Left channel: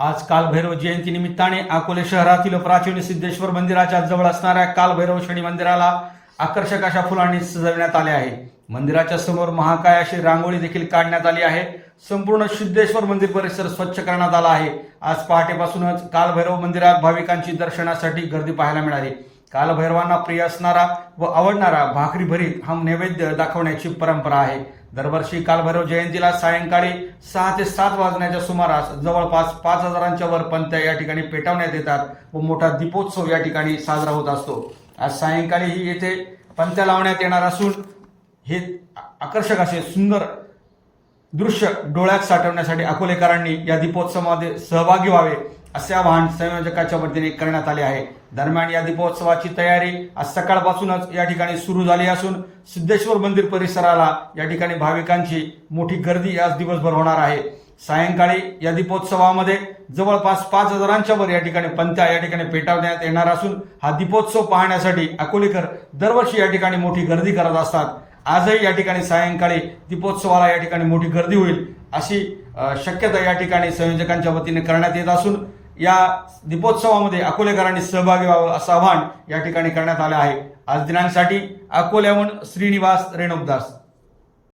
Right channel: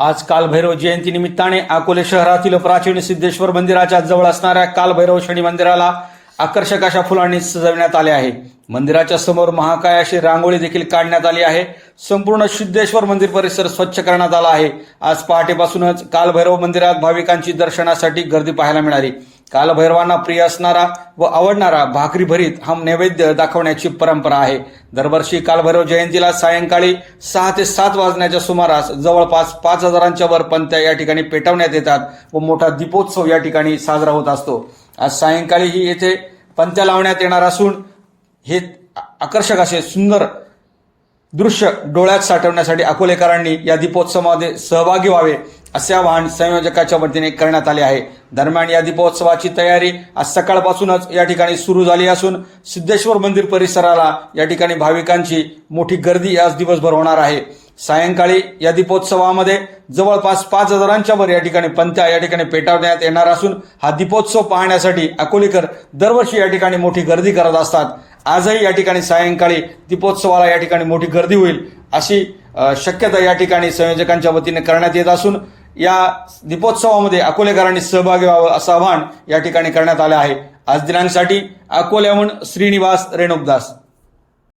आज कालभैरव जयंती निमित्ताने अकोले शहरातील प्राचीन सिद्धेश्वर मंदिराच्या जवळ असणाऱ्या कालभैरव शनी मंदिराला आकर्षक अशा फुलांनी सजवण्यात आले आहे. मंदिराच्या समोर महाकाय अशी रांगोळी देखील काढण्यात आली आहे. संपूर्ण सिद्धेश्वर मंदिर परिसर स्वच्छ करण्यात आला आहे. आज पहाटेपासूनच कालभैरव मंदिरात भाविकांची दर्शनासाठी गर्दी पाहायला मिळाली. कालभैरवांना प्रिय असणारा व आवडणारा भाकरी भरीत हा नैवेद्य दाखवण्याची परंपरा आहे. दरवर्षी कालभैरव जयंतीला सायंकाळी सहा ते सात वाजण्याच्या सुमारास जवळपास पाच हजारांच्या वर पंत्या या ठिकाणी पेटवण्यात येतात व मोठा दीपोत्सव या ठिकाणी साजरा होत असतो. आज सायंकाळीही येथे पंत्या लावण्यात येणार असून हे आकर्षक असे सुंदर दृश्य डोळ्यात साठवण्यासाठी अकोलेकरांनी या दीपोत्सवामध्ये सहभागी व्हावे असे आवाहन संयोजकाच्या वतीने करण्यात आले आहे. दरम्यान या दीपोत्सवाची तयारी आज सकाळपासूनच या ठिकाणी सुरू झाली असून सिद्धेश्वर मंदिर परिसराला या ठिकाणी भाविकांची मोठी गर्दी आज दिवसभर होणार आहे. सायंकाळी या दीपोत्सवामध्ये जवळपास पाच हजारांच्या वर या ठिकाणी पंत्या या ठिकाणी पेटवण्यात येणार असून हा दीपोत्सव पाहण्यासाठी अकोलेकर दरवर्षी या ठिकाणी मोठी गर्दी करत असतात. आजही या ठिकाणी सायंकाळी दीपोत्सवाला या ठिकाणी मोठी गर्दी होईल अशी शक्यता या ठिकाणी संयोजकांच्या वतीने करण्यात येत असून या दीपोत्सवामध्ये अकोलेकरांनी सहभागी व्हावं असं आवाहन या ठिकाणी करण्यात आलं आहे. आज दिनांसाठी अकोल्याहून श्रीनिवास रेणुकदास.